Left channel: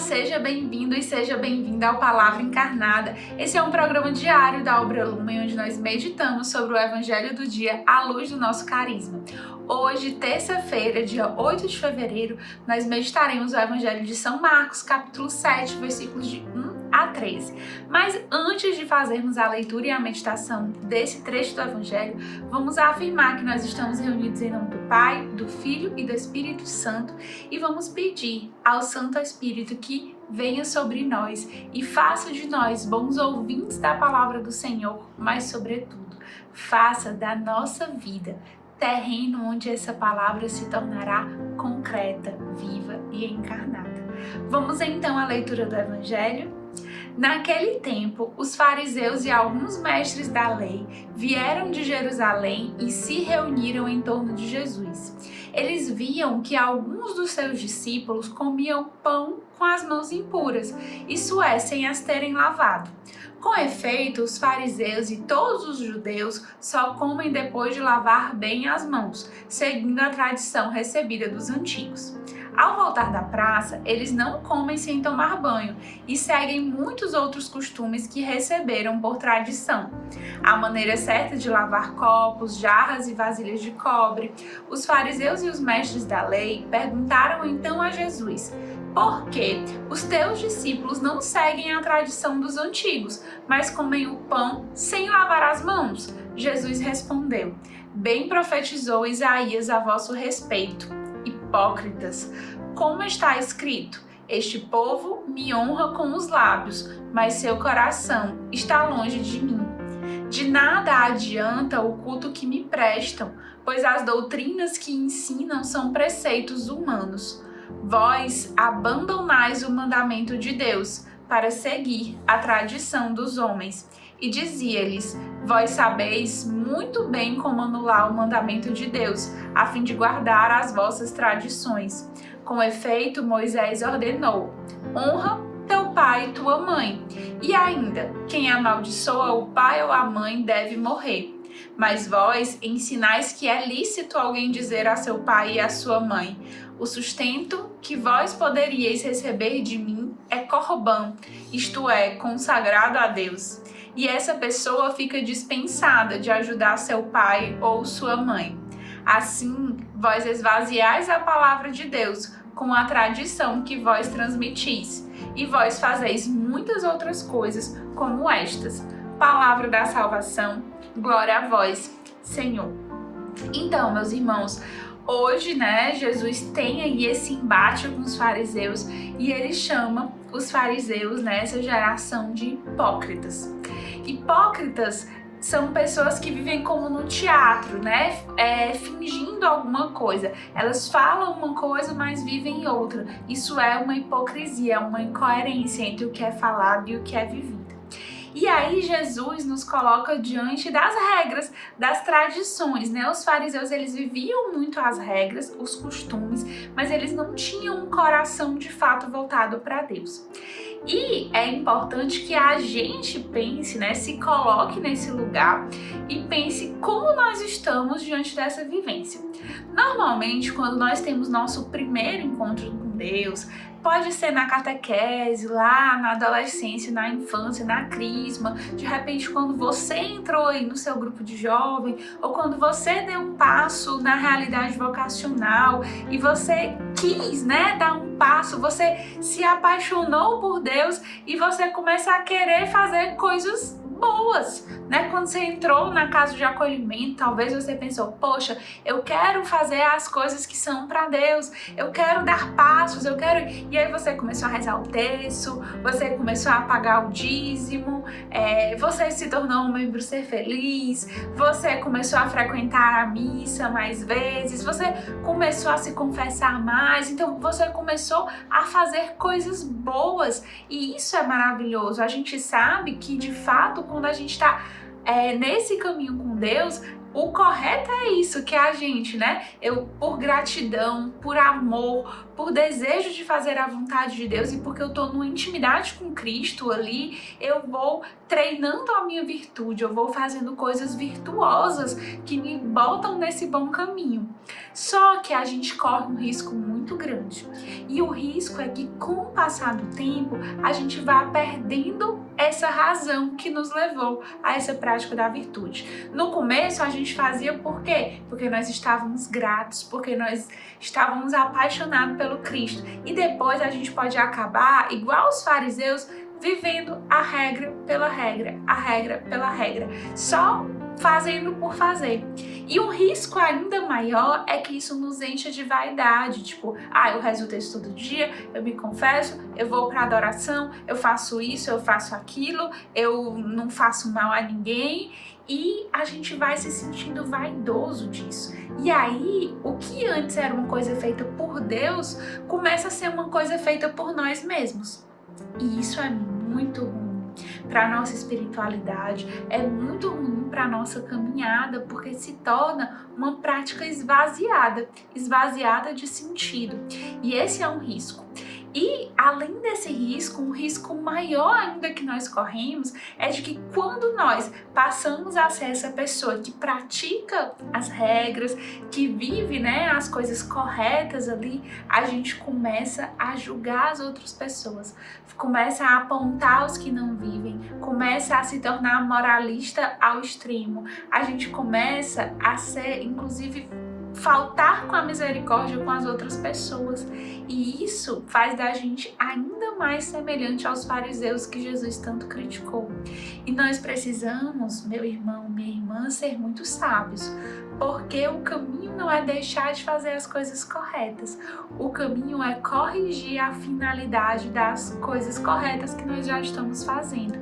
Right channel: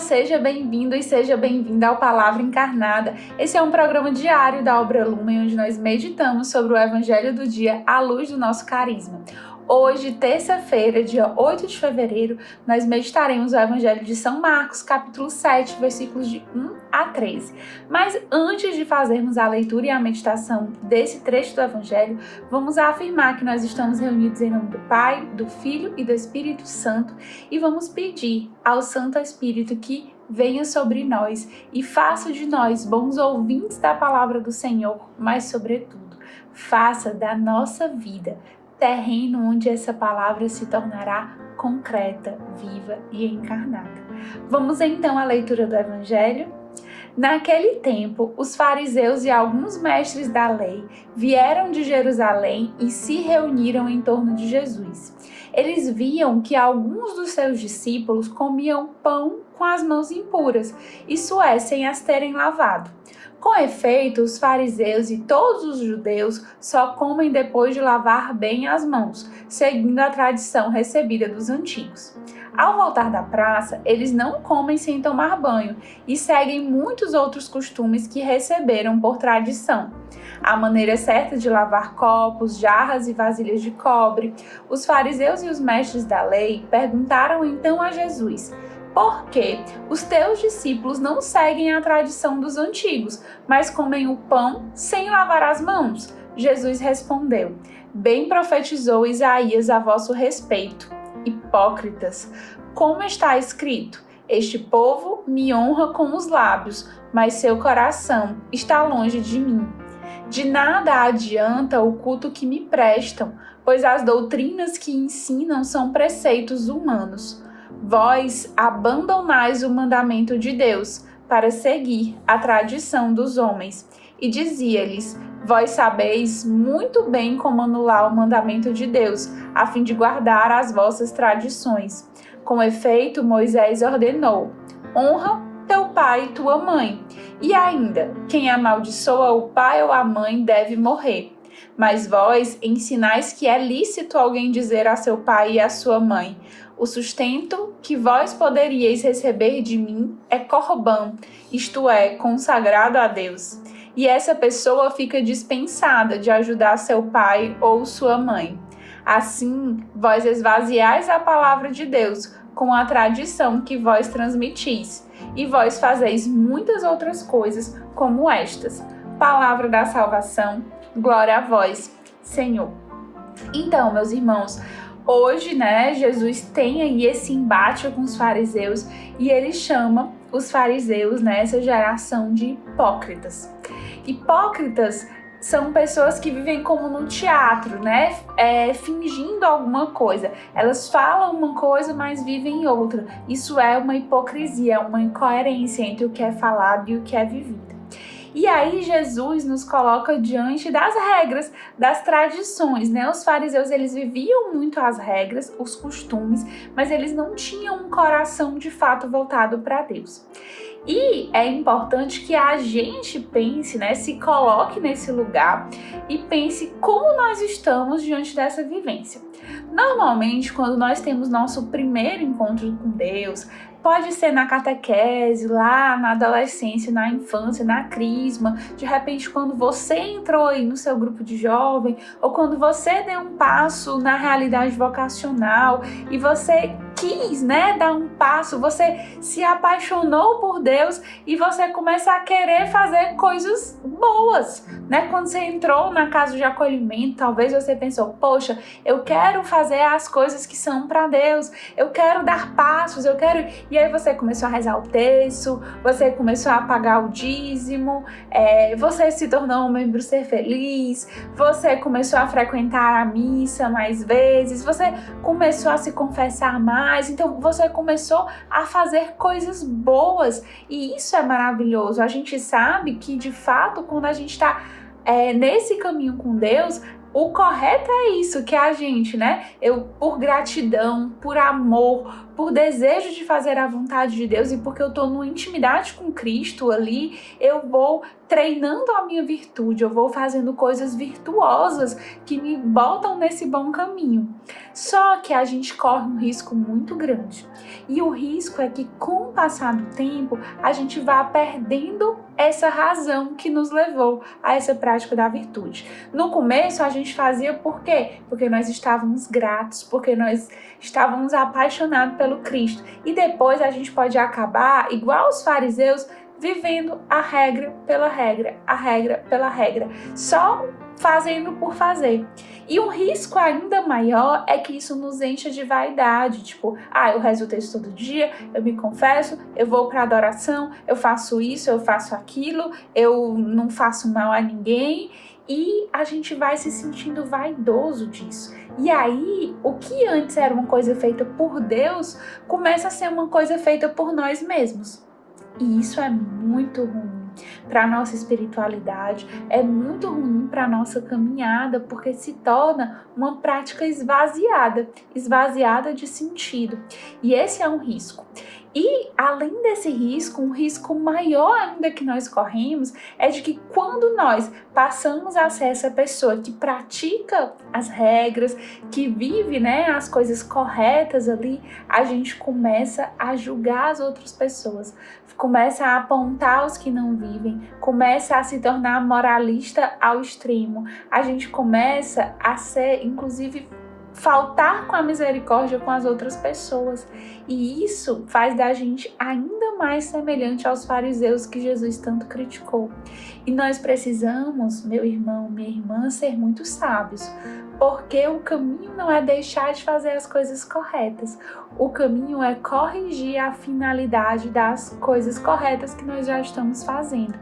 seja bem-vindo e seja bem-vinda ao Palavra Encarnada. Esse é um programa diário da Obra Lumen, onde nós meditamos sobre o Evangelho do dia à luz do nosso carisma. Hoje, terça-feira, dia 8 de fevereiro, nós meditaremos o Evangelho de São Marcos, capítulo 7, versículos de 1 a 13. Mas antes de fazermos a leitura e a meditação desse trecho do Evangelho, vamos afirmar que nós estamos reunidos em nome do Pai, do Filho e do Espírito Santo e vamos pedir ao Santo Espírito que venha sobre nós e faça de nós bons ouvintes da palavra do Senhor, mas, sobretudo, faça da nossa vida terreno onde essa palavra se tornará concreta, viva e encarnada. Vamos então à leitura do Evangelho? Naquele tempo, os fariseus e alguns mestres da lei vieram de Jerusalém e se reuniram em torno de Jesus. Eles viam que alguns dos seus discípulos comiam pão com as mãos impuras, isso é, sem as terem lavado. Com efeito, os fariseus e todos os judeus só comem depois de lavar bem as mãos, seguindo a tradição recebida dos antigos. Ao voltar da praça, eles não comem sem tomar banho e seguem muitos outros costumes que receberam por tradição. A maneira certa de lavar copos, jarras e vasilhas de cobre. Os fariseus e os mestres da lei perguntaram então a Jesus: por que os teus discípulos não seguem a tradição dos antigos, mas comem o pão sem lavar as mãos? Jesus respondeu: bem profetizou Isaías a vosso respeito. Hipócritas, como está escrito: este povo me honra com os lábios, mas seu coração está longe de mim. De nada adianta o culto que me prestam, pois as doutrinas que ensinam são preceitos humanos. Vós abandonais o mandamento de Deus para seguir a tradição dos homens. E dizia-lhes: vós sabeis muito bem como anular o mandamento de Deus, a fim de guardar as vossas tradições. Com efeito, Moisés ordenou: honra teu pai e tua mãe. E ainda, quem amaldiçoa o pai ou a mãe deve morrer. Mas vós ensinais que é lícito alguém dizer a seu pai e a sua mãe: o sustento que vós poderíeis receber de mim é corbã, isto é, consagrado a Deus. E essa pessoa fica dispensada de ajudar seu pai ou sua mãe. Assim, vós esvaziais a palavra de Deus com a tradição que vós transmitis, e vós fazeis muitas outras coisas como estas. Palavra da salvação, glória a vós, Senhor. Então, meus irmãos, hoje, Jesus tem aí esse embate com os fariseus e ele chama os fariseus, essa geração de hipócritas. Hipócritas são pessoas que vivem como no teatro, fingindo alguma coisa. Elas falam uma coisa, mas vivem outra. Isso é uma hipocrisia, uma incoerência entre o que é falado e o que é vivido. E aí Jesus nos coloca diante das regras, das tradições, Os fariseus, eles viviam muito as regras, os costumes, mas eles não tinham um coração de fato voltado para Deus. E é importante que a gente pense, se coloque nesse lugar e pense como nós estamos diante dessa vivência. Normalmente, quando nós temos nosso primeiro encontro com Deus, pode ser na catequese, lá na adolescência, na infância, na crisma, de repente quando você entrou aí no seu grupo de jovem, ou quando você deu um passo na realidade vocacional e você quis, dar um passo, você se apaixonou por Deus e você começa a querer fazer coisas boas, Quando você entrou na casa de acolhimento, talvez você pensou: poxa, eu quero fazer as coisas que são para Deus, eu quero dar passos, eu quero... E aí você começou a rezar o terço, você começou a pagar o dízimo, você se tornou um membro Ser Feliz, você começou a frequentar a missa mais vezes, você começou a se confessar mais, então você começou a fazer coisas boas e isso é maravilhoso. A gente sabe que de fato quando a gente está nesse caminho com Deus, o correto é isso, que a gente, eu por gratidão, por amor, por desejo de fazer a vontade de Deus e porque eu estou numa intimidade com Cristo ali, eu vou treinando a minha virtude, eu vou fazendo coisas virtuosas que me botam nesse bom caminho. Só que a gente corre um risco muito grande. E o risco é que com o passar do tempo, a gente vá perdendo essa razão que nos levou a essa prática da virtude. No começo a gente fazia por quê? Porque nós estávamos gratos, porque nós estávamos apaixonados pelo Cristo. E depois a gente pode acabar, igual os fariseus, vivendo a regra pela regra, a regra pela regra, só fazendo por fazer. E um risco ainda maior é que isso nos encha de vaidade, tipo, eu rezo o texto todo dia, eu me confesso, eu vou para adoração, eu faço isso, eu faço aquilo, eu não faço mal a ninguém, e a gente vai se sentindo vaidoso disso. E aí, o que antes era uma coisa feita por Deus, começa a ser uma coisa feita por nós mesmos. E isso é muito ruim para a nossa espiritualidade, é muito ruim para a nossa caminhada, porque se torna uma prática esvaziada de sentido. E esse é um risco. E além desse risco, um risco maior ainda que nós corremos é de que quando nós passamos a ser essa pessoa que pratica as regras, que vive, as coisas corretas ali, a gente começa a julgar as outras pessoas, começa a apontar os que não vivem, começa a se tornar moralista ao extremo, a gente começa a ser, inclusive, faltar com a misericórdia com as outras pessoas. E isso faz da gente ainda mais semelhante aos fariseus que Jesus tanto criticou. E nós precisamos, meu irmão, minha irmã, ser muito sábios, porque o caminho não é deixar de fazer as coisas corretas. O caminho é corrigir a finalidade das coisas corretas que nós já estamos fazendo.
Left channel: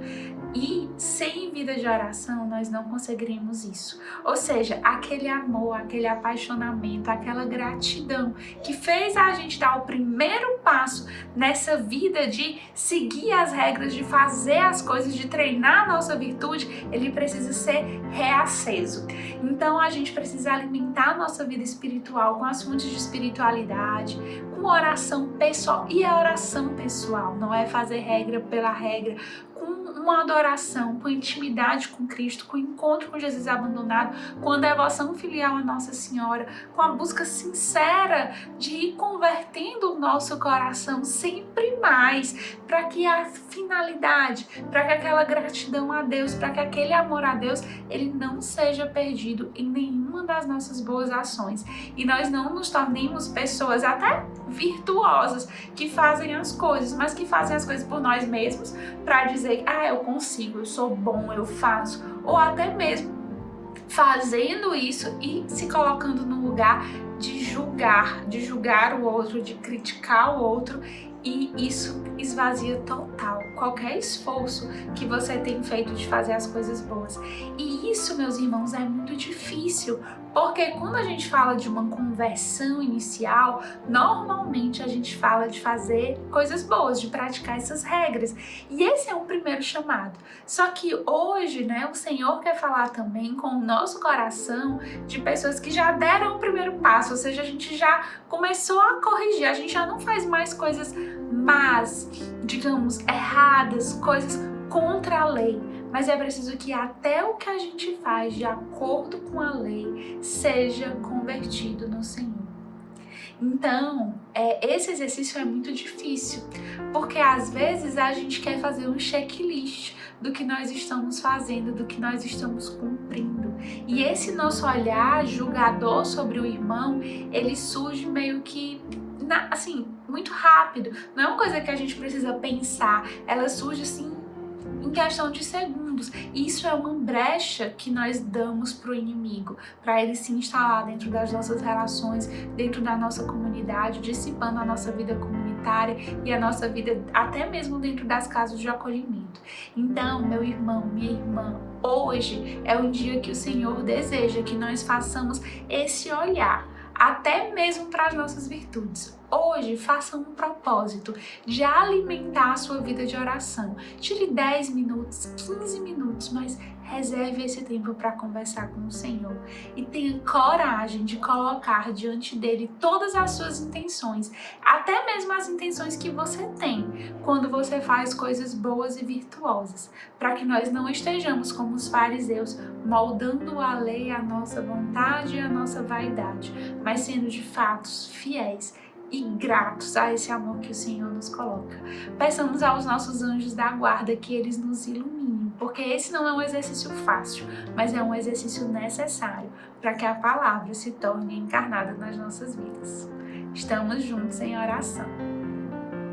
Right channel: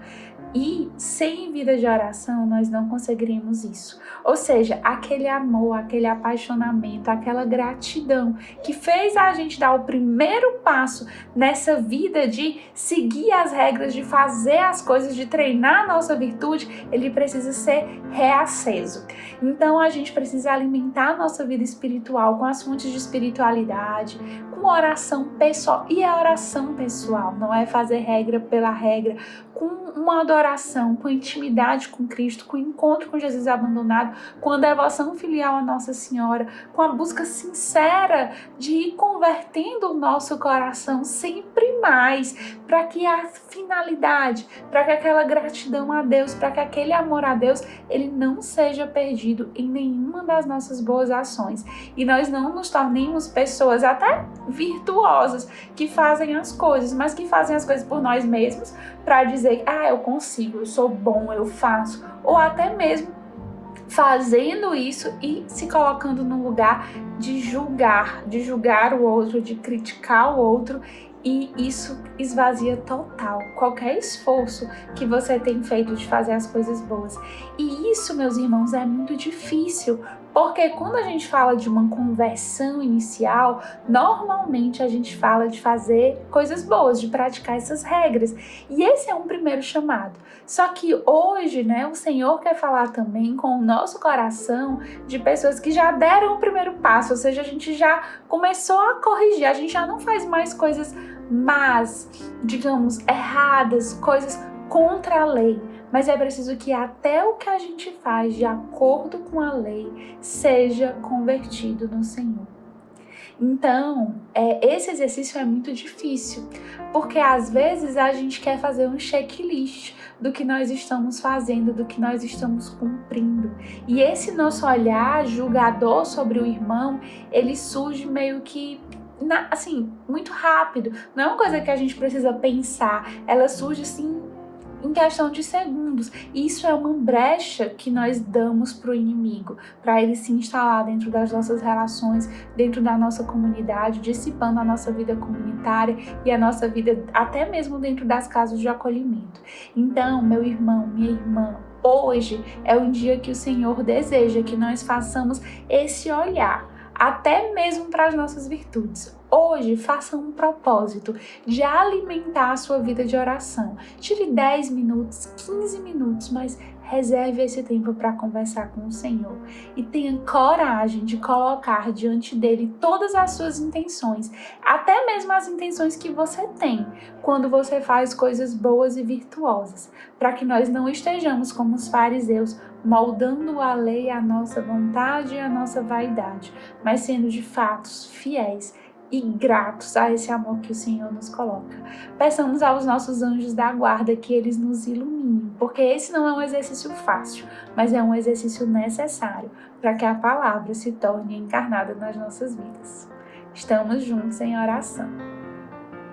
E sem vida de oração nós não conseguiríamos isso. Ou seja, aquele amor, aquele apaixonamento, aquela gratidão que fez a gente dar o primeiro passo nessa vida de seguir as regras, de fazer as coisas, de treinar a nossa virtude, ele precisa ser reaceso. Então a gente precisa alimentar a nossa vida espiritual com as fontes de espiritualidade, com oração pessoal. E a oração pessoal não é fazer regra pela regra, com uma adoração, com intimidade com Cristo, com encontro com Jesus abandonado, com a devoção filial a Nossa Senhora, com a busca sincera de ir convertendo o nosso coração sempre mais, para que a finalidade, para que aquela gratidão a Deus, para que aquele amor a Deus, ele não seja perdido em nenhuma das nossas boas ações. E nós não nos tornemos pessoas até virtuosas, que fazem as coisas, mas que fazem as coisas por nós mesmos, para dizer, eu consigo, eu sou bom, eu faço, ou até mesmo fazendo isso e se colocando no lugar de julgar o outro, de criticar o outro, e isso esvazia total qualquer esforço que você tem feito de fazer as coisas boas. E isso, meus irmãos, é muito difícil, porque quando a gente fala de uma conversão inicial, normalmente a gente fala de fazer coisas boas, de praticar essas regras. E esse é um primeiro chamado. Só que hoje, o Senhor quer falar também com o nosso coração de pessoas que já deram o primeiro passo, ou seja, a gente já começou a corrigir, a gente já não faz mais coisas más, digamos, erradas, coisas contra a lei, mas é preciso que até o que a gente faz de acordo com a lei seja convertido no Senhor. Então, esse exercício é muito difícil, porque às vezes a gente quer fazer um checklist do que nós estamos fazendo, do que nós estamos cumprindo. E esse nosso olhar julgador sobre o irmão, ele surge meio que muito rápido. Não é uma coisa que a gente precisa pensar, ela surge assim em questão de segundos. Isso é uma brecha que nós damos para o inimigo, para ele se instalar dentro das nossas relações, dentro da nossa comunidade, dissipando a nossa vida comunitária e a nossa vida até mesmo dentro das casas de acolhimento. Então, meu irmão, minha irmã, hoje é um dia que o Senhor deseja que nós façamos esse olhar, até mesmo para as nossas virtudes. Hoje, faça um propósito de alimentar a sua vida de oração. Tire 10 minutos, 15 minutos, mas reserve esse tempo para conversar com o Senhor e tenha coragem de colocar diante dele todas as suas intenções, até mesmo as intenções que você tem quando você faz coisas boas e virtuosas, para que nós não estejamos como os fariseus, moldando a lei à nossa vontade e à nossa vaidade, mas sendo de fato fiéis e gratos a esse amor que o Senhor nos coloca. Peçamos aos nossos anjos da guarda que eles nos iluminem, porque esse não é um exercício fácil, mas é um exercício necessário para que a palavra se torne encarnada nas nossas vidas. Estamos juntos em oração.